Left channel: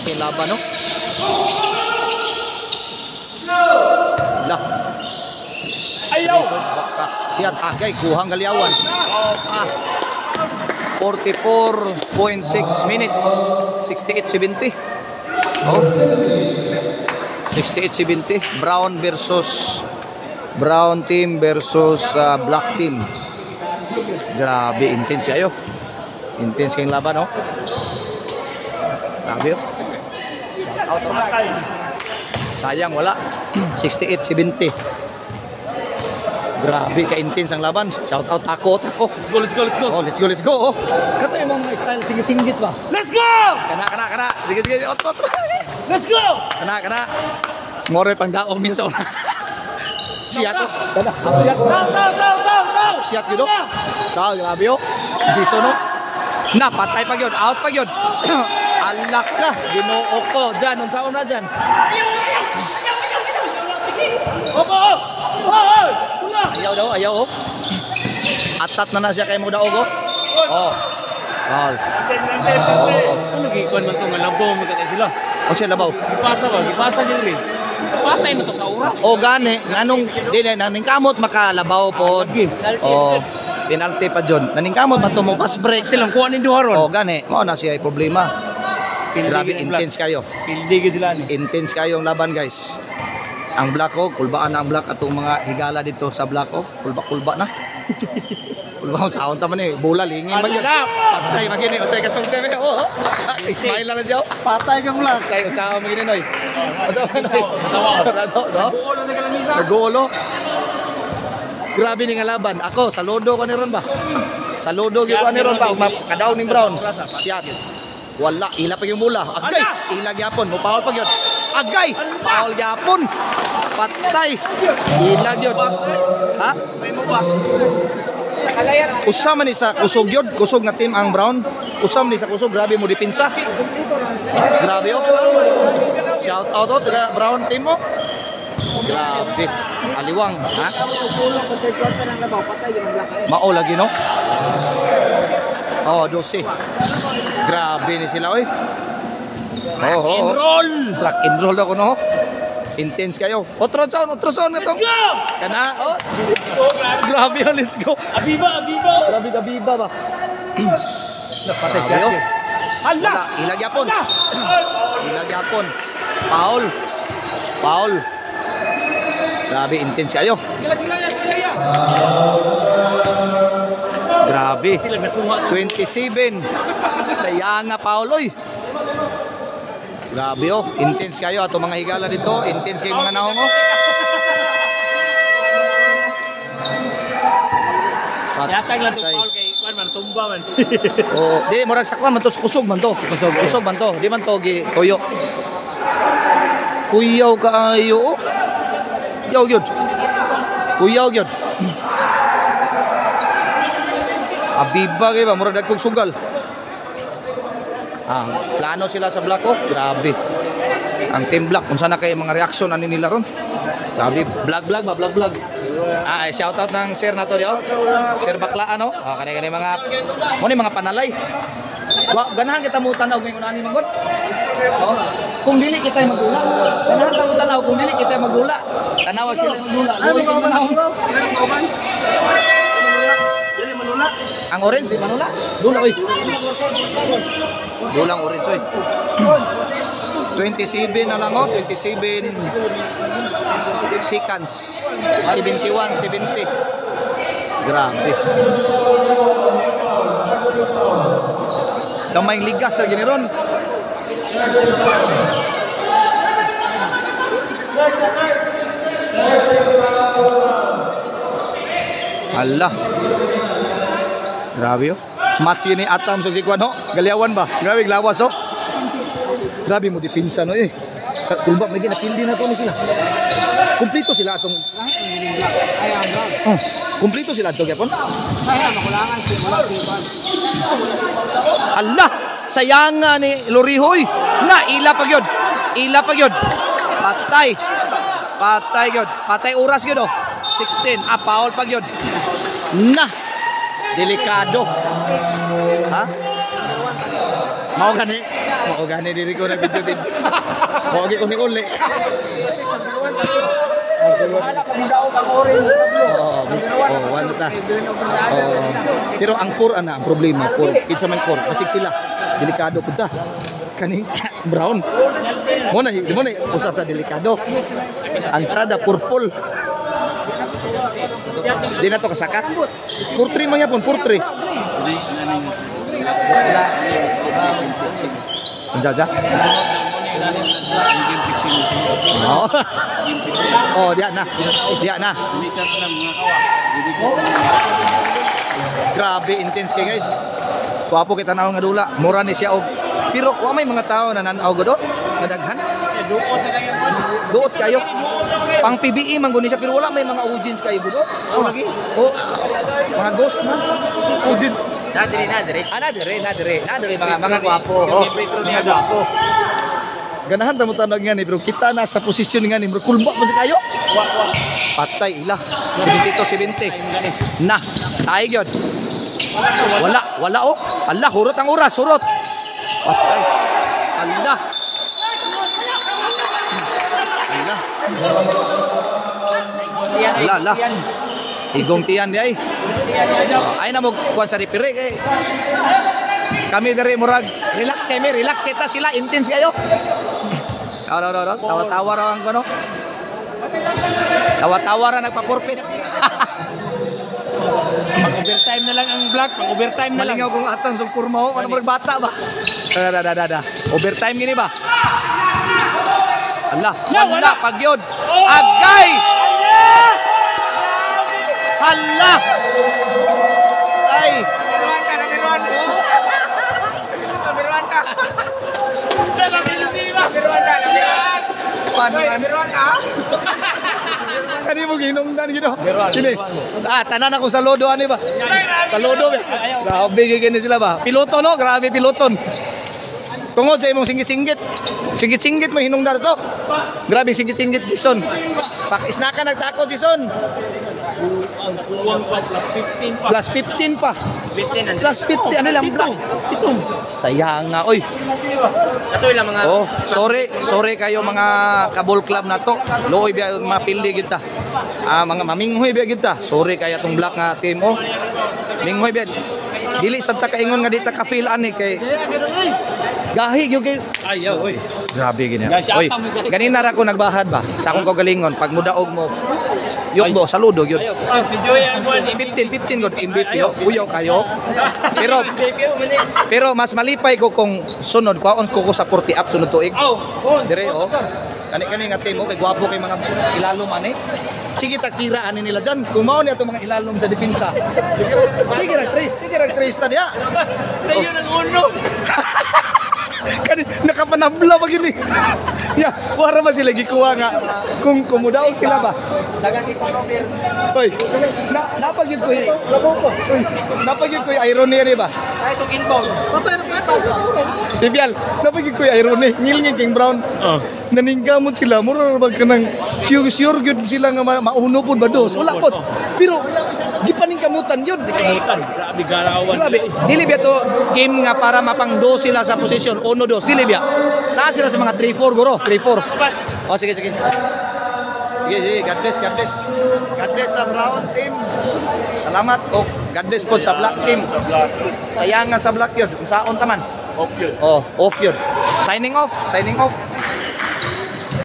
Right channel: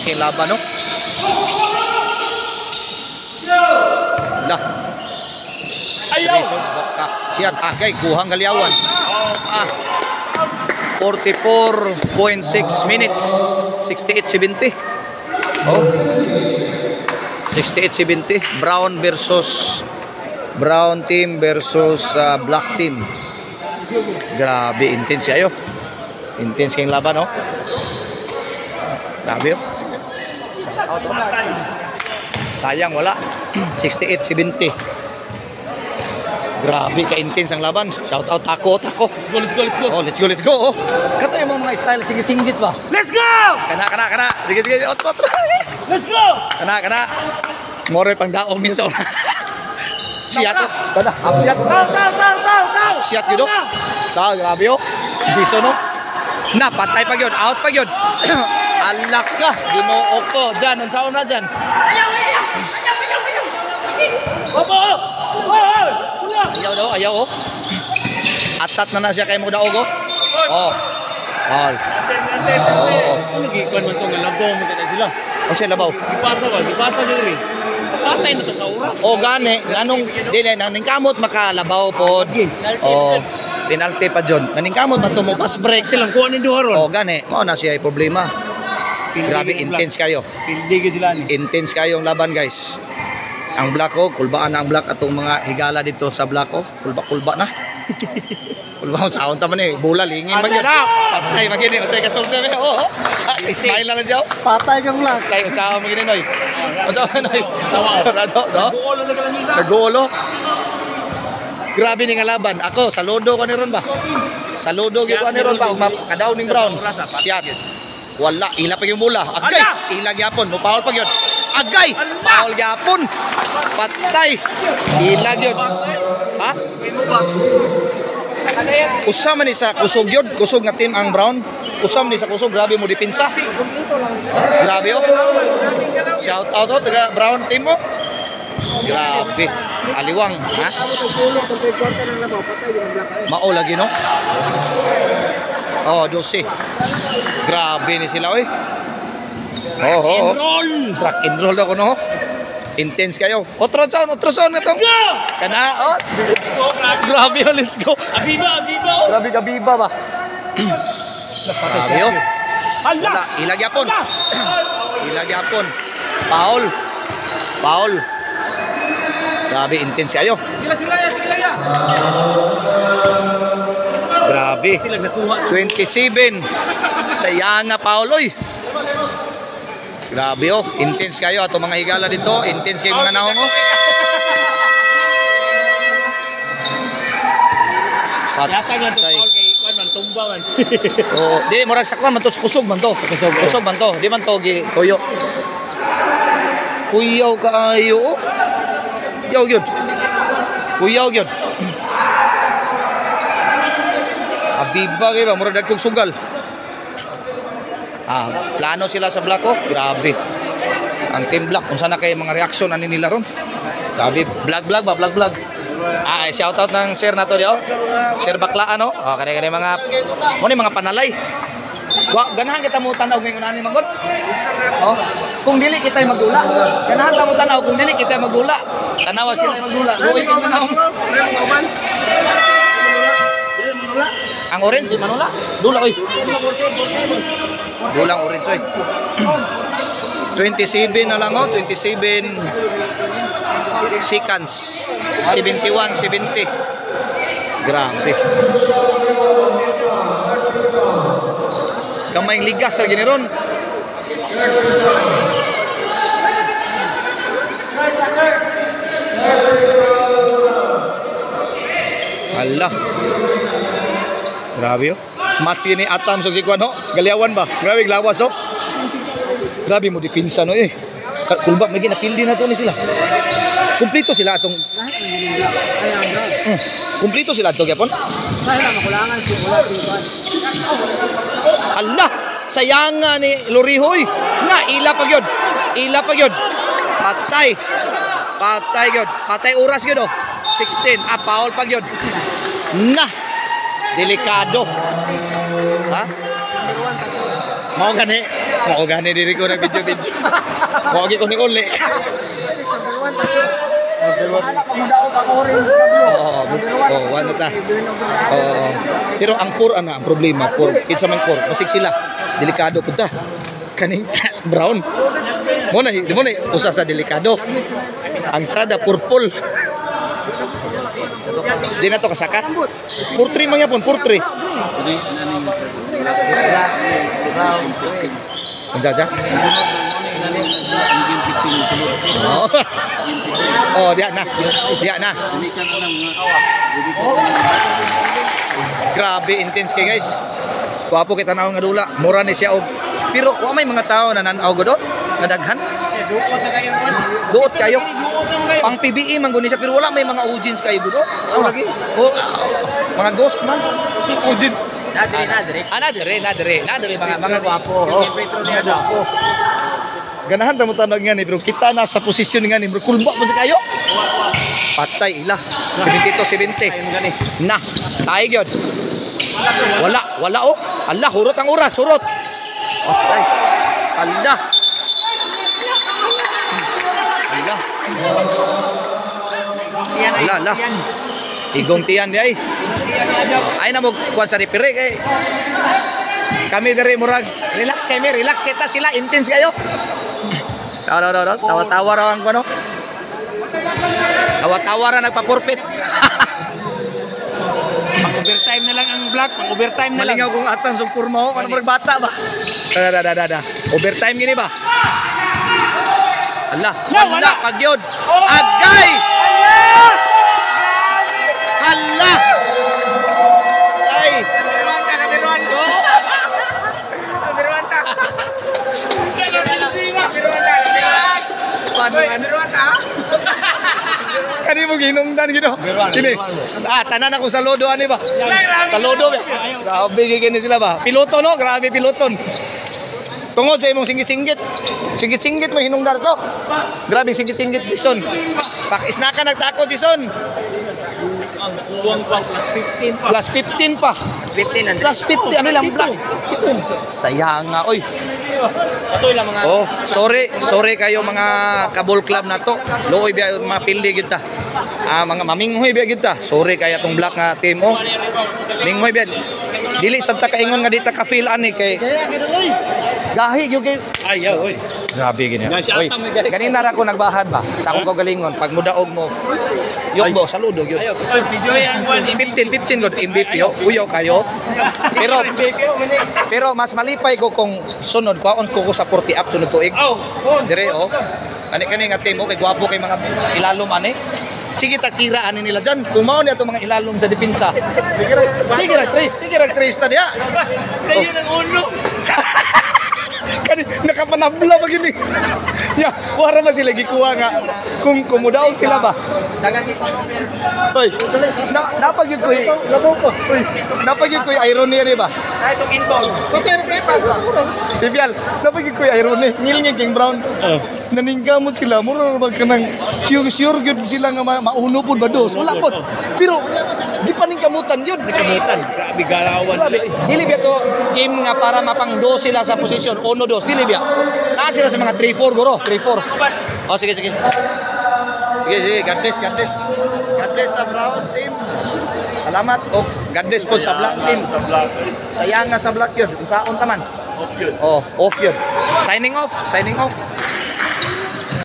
intense yung laban, no? Lah. Ayaw! Siya tagay, kuhang galiawan. 44.6 minutes. 68-70. Oh. 68-70. Brown team versus black team. Grabe, intense ayo. Intense kayong laban, oh. Grabe, oh. Shout out, oh. Sayang, wala. 68-70. Grabe, ka-intense ang laban. Shout out, tako. Let's go. Oh, let's go, oh. Kato yung mga style, singgit ba? Let's go! Kana. Sige, otro. Let's go! Kana. Moroy pang daong minsan. Siya to. Kada, siya. Down! Siya gitu. Tahu, grabe, oh. Jason, oh. Na, patay pa yun. Out pa yun. Alak ka. Ginoo ko. Diyan, unsaon na dyan. Opo! Ayaw, oh. Atat na siya kay mo daog, oh. Oh. Ball. Ano gikuan man to nga labaw magkatay sila? O siya labaw. Dipasa diri. Patay na to sa oras. O gani, nganong dili naning kamot makalabaw pod. O penalty pa jud. Naning kamot man to mo pass break. Silang kuha ni Duharon. O gani, mao na siya ay problema. Grabe intense kayo. Pildig sila ni. Intense kayong laban, guys. Ang Black Hawk, kulbaan na ang Black atong mga higala dito sa Black Hawk. Kulba na. Kulba ko saon ta man eh. Bola lingin man yun. Patay magini. Utsay ka solte me. Oh. Smile lang diyo. Patay kang Black. Patay utsaw magini noy. Utsaw noy. Tawa. Rado, no? Golo na kalamisa. Nagolo. Grabe ni nga laban. Ako saludo ko ni ron ba? Saludo gyud ko ni ron ba makadaw ning Brown. Shot. Wala, ila pa yung bola. Agay. Ila gyapon, mo foul pa gyud. Agay. Foul gyapon. Patay. Ila gyud. Ha? Usam man ni sa kusog yun. Kusog nga team ang Brown. Usam ni sa kusog. Grabe mo dipinsa. Grabe, oh. Shout out, oh. Taga Brown team mo. Grabe. Aliwang. Ha? Mao lagi, no? Oh, 12. Grabe ni sila, oy. Oh. Rock and roll ako, no? Intense kayo. Otro sound nga tong. Kana, oh. Let's go, Grabe, oh, let's go. Abiba. Grabe ka biba ba? Grabe, oh. Wala, ilagyapon. Ilagyapon. Paul. Grabe, intense kayo. Sila ya. Grabe. 27. Sayang nga Paul, oy. Grabe, oh. Intense kayo ato mga higala dito. Intense kayo mga naong, oh. Patay lang to Paul kay kuan man tumba man. Oh, di murag sakwan man to kusog man to. Kusog man to. Di man to gi toyo. Kuyaw kaayo. Yaw gyud. Kuyaw gyud. Abiba kay ba murag dagkog sugal. Plano sila sa Black Hawk. Grabe. Ang team Black unsa na kay mga reaksyon ani nila ron? Grabe, vlog. Shout out ng share nato di, oh. Share bakla ano? Oh, kani mga mo ni mga panalay. Wa ganahan kita mo tan-aw mingon ani manggod. Oh, kung dili kita magdula. Ganahan ta mo tan-aw kung dili kita magdula. Tanawa kita magdula. Uy, ang orange di manula. Dula oy. Dulang orange oy. 27 na lang, oh, 27 seconds. 71-70. Grabe. Damayng ligas lagi ni ron. Allah. Grabe, oh. Match ini atam sa sikwan, oh. Galiawan ba? Grabe glawas, oh. Grabe mo dipinsa, no, eh. Kulba may ginapildi na to ni sila. Kumpleto sila atong kumpleto sila to gyapon. Sayang makulangan si Allah, sayang ni Lorihoy. Na ila pa gyud. Patay gyud. Patay oras gyud, oh. 16 foul pa gyud. Na delikado. Ha? Mao gani diri ko na video. Mao gi ko ni uli. Wala pa mudaog ang orange sa blue. Oo, wala ta. Oo. Pero ang core ang problema, core. Kinsa man core, masig sila. Delikado pud ta. Kaning brown. Mo na usa sa delikado. Ang tsada purple. Di na to kasaka. Purtre man yapon, purtre. Jadi naning Unsa ja? Oh. Oh, dia na. Grabe intense kay guys. Wapo kita naon nga dula. Mura ni siya og pero wa may mga tao na nanaw godo. Nadaghan. Duot kayo. Pang PBE man guni siya pero wala may mga audience kayo godo. Oh. Mga ghost man. Audience. Nadire mga gwapo. Oh. Mga gwapo. Ganahan ta mo tanong nga ni bro. Kita na sa posisyon nga ni bro. Kulba mo kayo? Patay ila. 72-70. Na, tayo gyud. Wala oh. Allah, hurot ang oras, hurot. Patay. Allah. Allah. Igong tiyan di ay. Ay na mo kuan sa repire kay. Kami dari murag. Relax kita sila intense kayo. Tawa-tawa raw ang ano. Tawa-tawa ra nagpa-forfeit. Pang-overtime na lang ang black, pang-overtime na lang. Malingaw kung atan sug kurma ano murag bata ba. Da. Overtime gini ba? Allah, wala pagyod. Agay! Allah! Ay! Kani mo ginungdan gino. Sini. Tanan ako sa lodo ani ba? Sa lodo ba? Grabe gini sila ba? Piloto no, grabe piloton. Tungod sa imong singgit-singgit. Singgit-singgit mo hinungdan to. Grabe singgit-singgit si Son. Pakisnakan nagtakot si Son. Ang kuwang pa plus 15 pa. Plus 15 pa. 15 Plus 50 ano lang black. Sayang nga oy. Ato lang mga Oh, sorry kayo mga kabol club na to. Looy biya mapildi kita. Mga maminghoy biya kita. Sorry kaya tong black nga team oh. Minghoy biya. Dili sa ta kaingon nga dita ka feel ani kay. Gahi gyud kay. Ayaw oy. Grabe gini. Oy, ganina ra ko nagbahad ba? Sa akong kagalingon pag mudaog mo. Yun saludo yun. Oy, video yan 15 god MVP uyaw kayo. Pero mas malipay ko kung sunod kwaon ko sa 40 up sunod tuig. Dire oh. Kani nga team kay gwapo kay mga ilalom ani. Sige takira ani nila diyan. Kumaon ni ato mga ilalom sa depensa. Sige ra Trace ta dia. Kayo nang uno. Kani nakapanabla ba yun eh. Ya, para ba sila gikuha nga kung kumudaog sila ba? dagang economy. Oy, napagid ko Oy, napagid ko irony ni ba? Ay to inbound. Pero pasa. Si Bial, napagid ko irony. Ngilngig king Brown. Naningkamot sila, mura ba kanang sure gud sila nga mauno pud ba dos. Wala pod. Pero di paningkamutan yun. Grabe galawan. Grabe. Dili biya to game nga para mapangdo sila sa posisyon 1-2. Dili biya. Naa sila sa mga 3-4 guro. 3-4. Oh, sige. Sige, God bless. God bless sa Brown team. Salamat. Oh, God bless po sa Black team. Sayang nga sa Black yun. Unsaon taman? Off yun. Oh, off yun. Signing off.